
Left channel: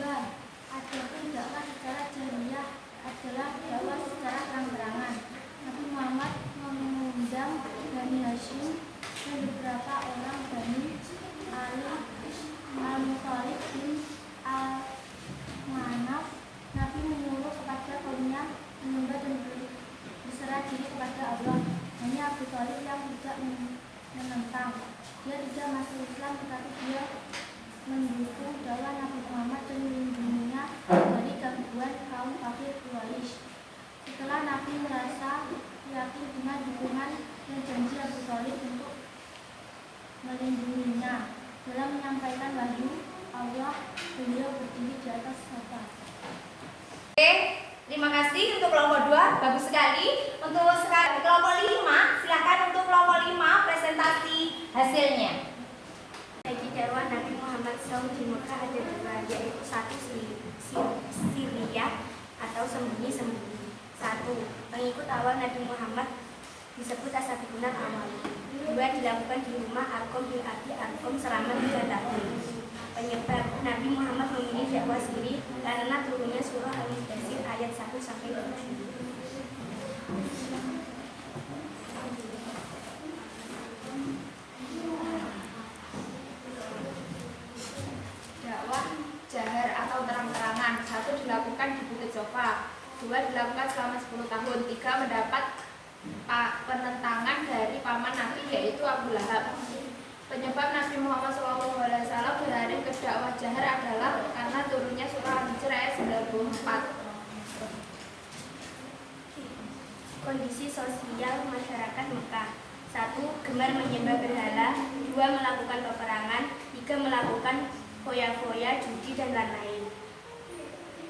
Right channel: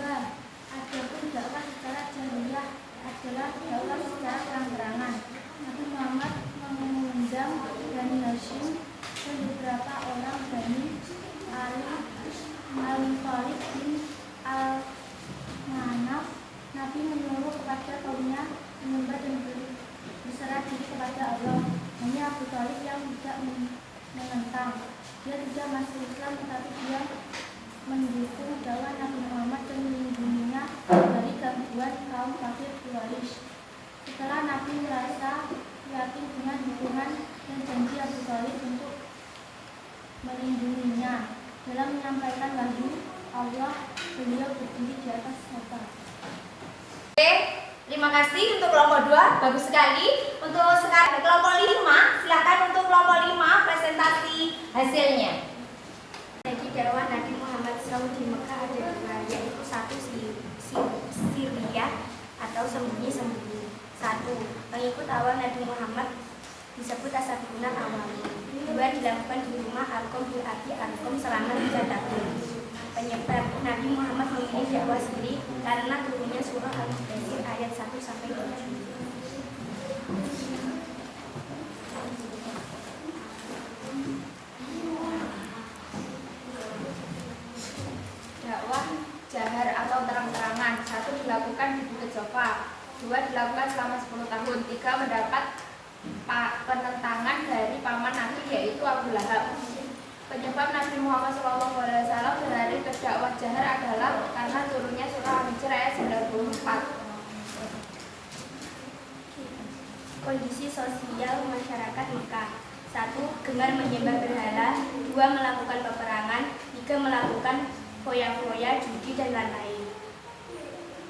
Adapun dakwah secara jariyah adalah dakwah secara terang-terangan. Nabi Muhammad mengundang Bani Hasyim dan beberapa orang Bani Al-Thalib bin Al-Manaf. Nabi menyuruh kepada kaumnya menyembah dan berserah diri kepada Allah. Hanya Abu Thalib yang tidak menentang. Dia tidak masuk Islam, tetapi dia mendukung dakwah Nabi Muhammad dan melindunginya dari gangguan kaum kafir Quraisy. Setelah Nabi merasa yakin dengan dukungan dan janji Abu Thalib untuk melindunginya. Dalam menyampaikan wahyu Allah, beliau berdiri di atas Safa. Oke, terima kasih untuk kelompok 2, bagus sekali. Untuk sekarang kelompok 5, silakan untuk kelompok 5 presentasi hasilnya. Jadi dakwah Nabi Muhammad SAW di Mekah ada dua, yaitu satu Syria atau sembunyi-sembunyi. Satu, pengikut awal Nabi Muhammad disebut as-sabiqunal awwalun. Dua, dilakukan di rumah Arqam bin Abi Arqam selama 3 tahun. Penyebab Nabi Muhammad memilih dakwah sendiri karena turunnya surah Al-Mudaththir ayat 1 sampai 7. Dakwah jahar atau terang-terangan. 1, dilakukan di Bukit Sofa. 2, dilakukan selama 10 tahun. 3, mendapat penentangan dari paman Nabi yaitu Abu Lahab. Penyebab Nabi Muhammad SAW berlari ke dakwah jahar adalah karena turunnya surah Al-Hijr ayat 94. Kondisi sosial masyarakat Mekah. 1, gemar menyembah berhala. 2, melakukan peperangan. 3, melakukan foya-foya, judi, dan lain-lain.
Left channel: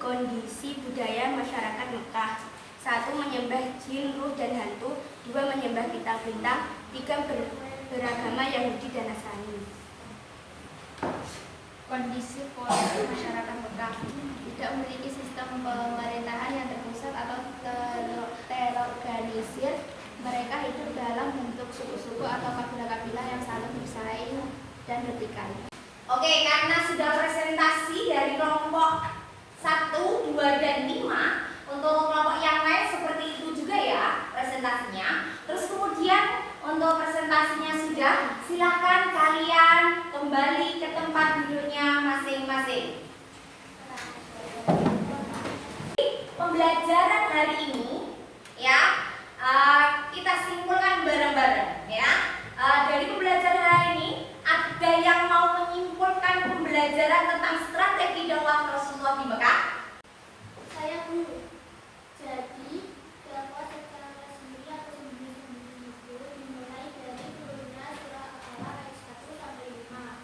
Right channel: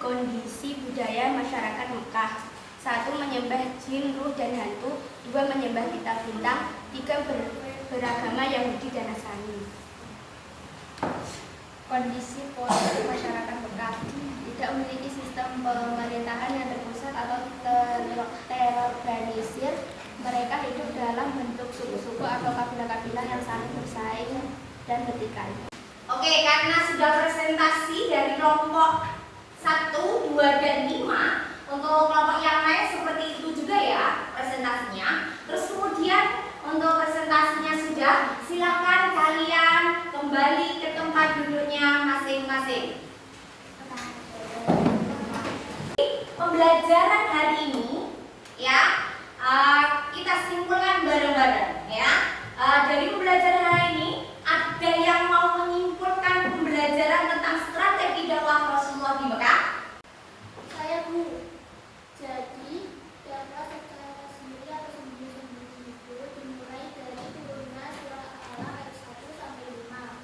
Kondisi budaya masyarakat Mekah. 1, menyembah jin, ruh, dan hantu. 2, menyembah bintang-bintang. 3, beragama Yahudi dan Nasrani. Kondisi politik masyarakat Mekah. Tidak memiliki sistem pemerintahan yang terpusat atau terorganisir. Mereka hidup dalam bentuk suku-suku atau kabilah-kabilah yang saling bersaing dan bertikai. Oke, karena sudah presentasi dari kelompok 1, 2, dan 5, untuk kelompok yang lain seperti itu juga ya presentasinya. Terus kemudian untuk presentasinya sudah, silakan kalian kembali ke tempat duduknya masing-masing. Pembelajaran hari ini ya kita simpulkan bareng-bareng ya. Dari pembelajaran hari ini ada yang mau menyimpulkan pembelajaran tentang strategi dakwah Rasulullah di Mekah? Saya Bu. Jadi dakwah secara resmi atau sembunyi-sembunyi itu dimulai dari turunnya surah Al-Alaq ayat 1 sampai 5.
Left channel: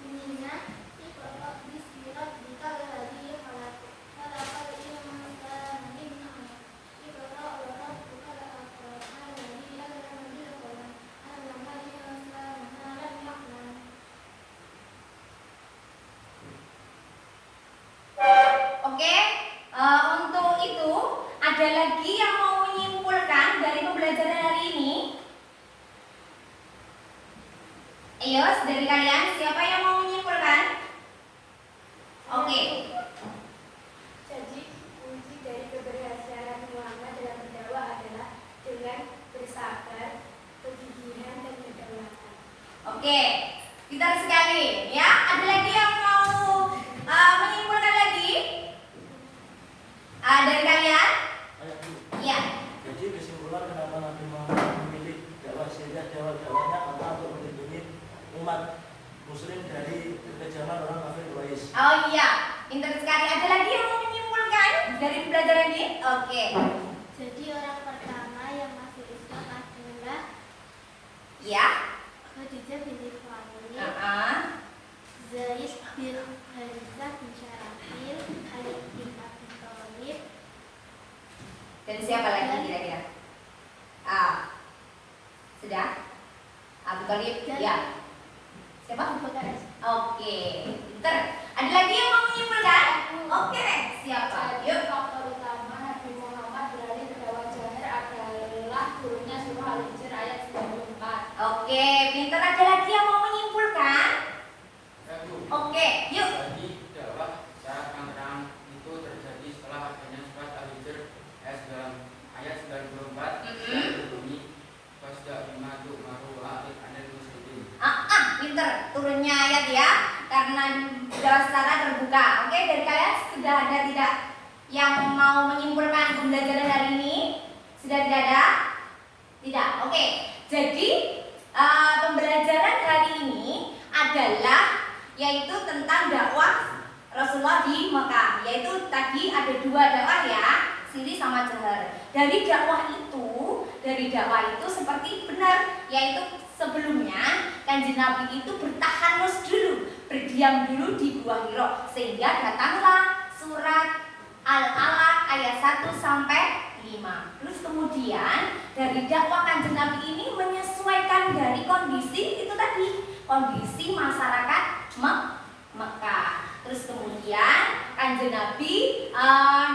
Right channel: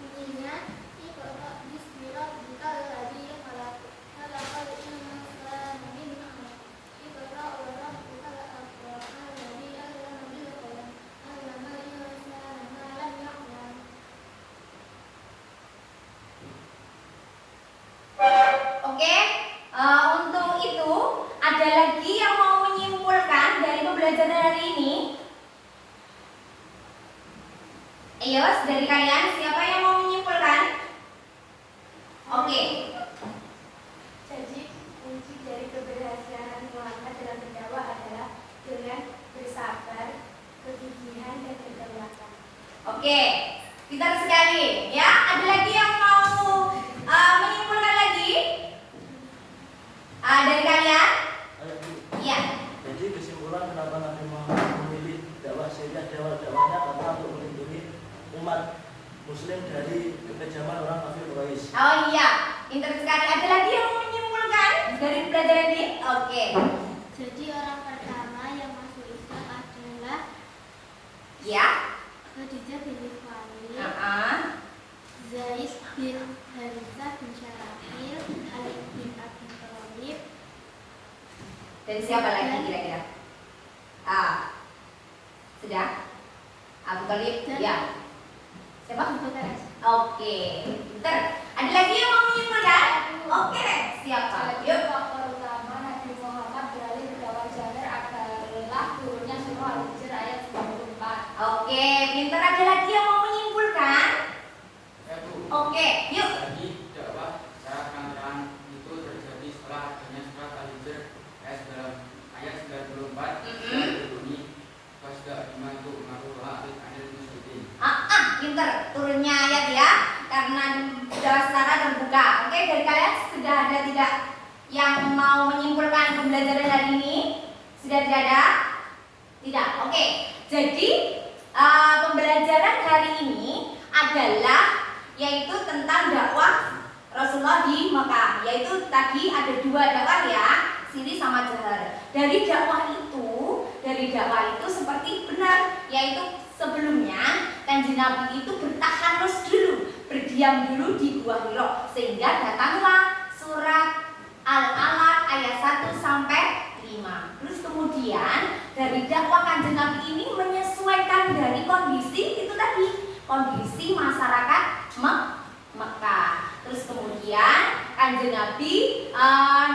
Bunyinya Iqra bismi rabbikal ladzi khalaq. Khalaqal insana min 'alaq. Iqra wa rabbukal akram. Alladzi 'allama bil qalam. 'Allamal insana ma lam ya'lam. Oke, untuk itu ada lagi yang mau menyimpulkan dari pembelajaran hari ini? Ayo, dari kalian siapa yang mau menyimpulkan? Oke. Jadi kunci dari keberhasilan Nabi Muhammad dalam berdakwah adalah dengan bersabar, kegigihan, dan kedaulatan. Oke, pintar sekali ya. Ada lagi yang mau menyimpulkan lagi? Dari kalian? Ayo, Bu. Iya. Jadi kesimpulan kenapa Nabi Muhammad memilih dakwah Syariah dakwahnya karena untuk melindungi umat Muslim dari kekejaman orang kafir Quraisy. Oh iya, pintar sekali. Ada lagi yang mau menyimpulkan dari pembelajaran ini? Oke. Jadi orang pertama yang masuk Islam adalah Ya. Khadijah binti Khuwailid, Zaid Zaid bin Harithah bin Syarafil, Ali bin Abi Thalib, dan siapa lagi kira-kira? Sudah? Abu Thalib? Dan- Ya. Siapa? Abu Bakar. Oke, pintar. Ada lagi yang mau menyimpulkan? Oke, siapa? Jadi Yuk. faktor utama Nabi Muhammad beralih ke dakwah jahar adalah turunnya surah Al-Hijr ayat 94. Oke, pintar. Ada lagi yang mau menyimpulkan? Ya Bu. Oke, yuk. Jadi dakwah secara terang-terang itu terjadi setelah adanya surat Al-Hijr ayat 94 dan berbunyi fasda bima tu'maru wa a'rid 'anil musyrikin. Pintar. Turunnya ayat ya, karena sudah secara terbuka. Oke, dari kalian sudah ada tidak yang mau menyimpulkan pembelajaran hari ini? Sudah tidak ada? Tidak. Oke. Jadi pembelajaran hari ini adalah yaitu tentang dakwah Rasulullah Rasulullah di Mekah, yaitu tadi ada 2 dakwah ya, siri sama jahar. Dari dakwah itu seperti benar, yaitu sebelumnya Kanjeng Nabi itu bertahanus dulu, berdiam dulu di Gua Hira, sehingga datanglah surat Al-Alaq ayat 1 sampai 5. Terus kemudian dari dakwah Kanjeng Nabi ini menyesuaikan dari kondisi itu tadi, kondisi masyarakat Mekah. Terus kemudian Kanjeng Nabi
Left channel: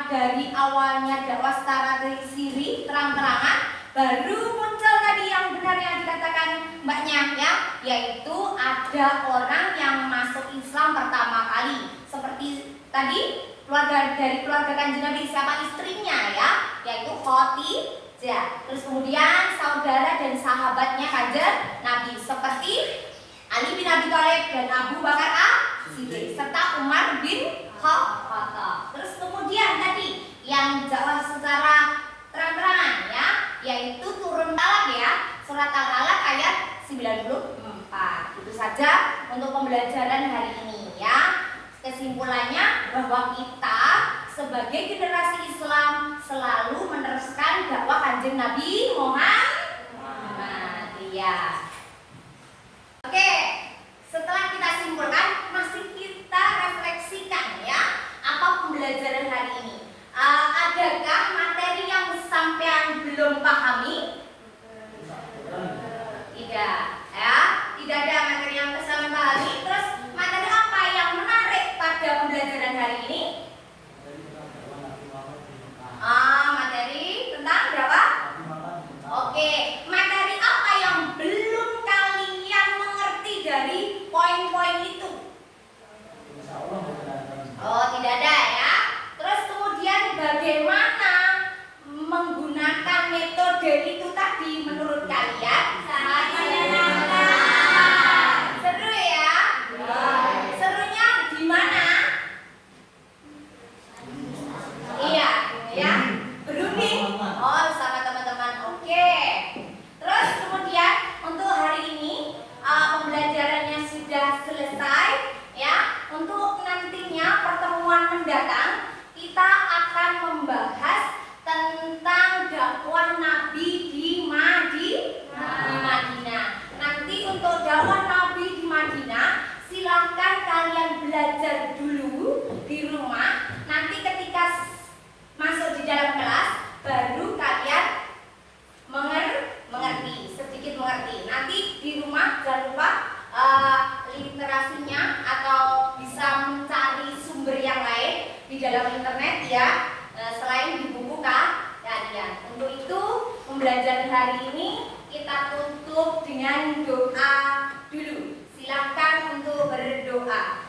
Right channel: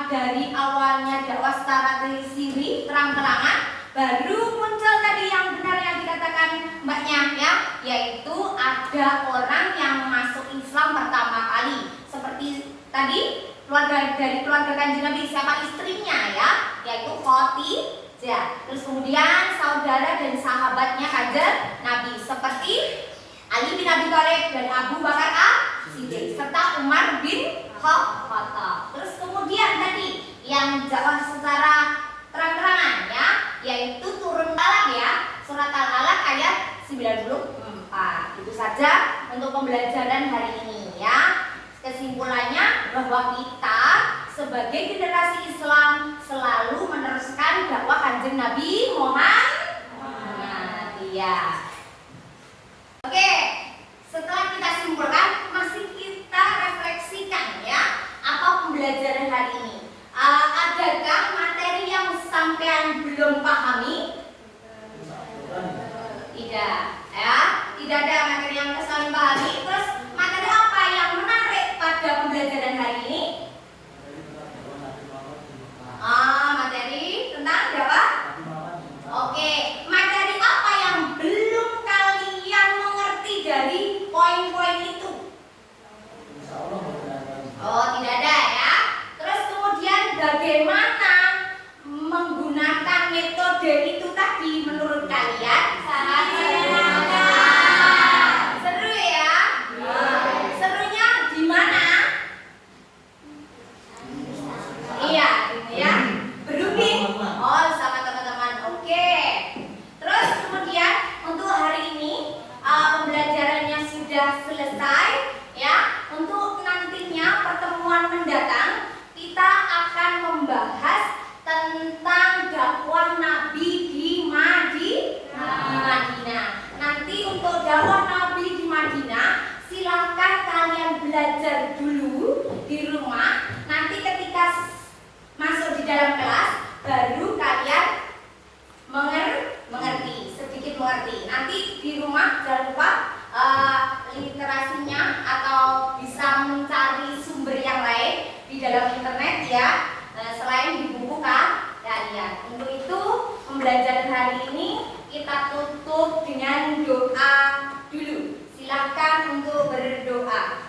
dari awalnya dakwah secara siri terang-terangan, baru muncul tadi yang benar yang dikatakan mbaknya ya, yaitu ada orang yang masuk Islam pertama kali. Seperti tadi dari keluarga Kanjeng Nabi, siapa istrinya ya, yaitu Khadijah. Terus kemudian saudara dan sahabatnya Kanjeng Nabi seperti Ali bin Abi Thalib dan Abu Bakar As-Siddiq serta Umar bin Khattab. Terus kemudian tadi yang dakwah secara terang-terangan ya, yaitu turun Al-Alaq ya, surat Al-Alaq ayat 94. Itu saja untuk pembelajaran hari ini ya. Kesimpulannya bahwa kita sebagai generasi Islam selalu meneruskan dakwah Kanjeng Nabi Muhammad ya. Oke, setelah kita simpulkan, masih kita refleksikan ya, apa pembelajaran hari ini. Adakah materi yang sampean belum pahami? Tidak ya, tidak ada materi yang sampean pahami. Terus materi apa yang menarik pada pembelajaran hari ini? Materi tentang apa? Oke, materi apa yang belum kalian mengerti dari poin-poin itu? Oh, tidak ada ya. Terus kemudian bagaimana menggunakan metode itu tadi menurut kalian? Seru ya? Serunya di mana? Iya, ya. Berunding. Oh, sama teman-teman. Oke. Terus kemudian untuk hari ini pembelajarannya sudah selesai ya. Untuk nantinya pertemuan mendatang kita akan membahas tentang dakwah Nabi di Madinah. Nanti untuk dakwah Nabi di Madinah silahkan kalian belajar dulu di rumah. Nanti ketika masuk di dalam kelas baru kalian mengerti, sedikit mengerti. Nanti di rumah jangan lupa literasinya atau bisa mencari sumber yang lain di dalam internet ya, selain di buku kalian. Untuk itu pembelajaran hari ini kita tutup dengan doa dulu. Silakan untuk berdoa.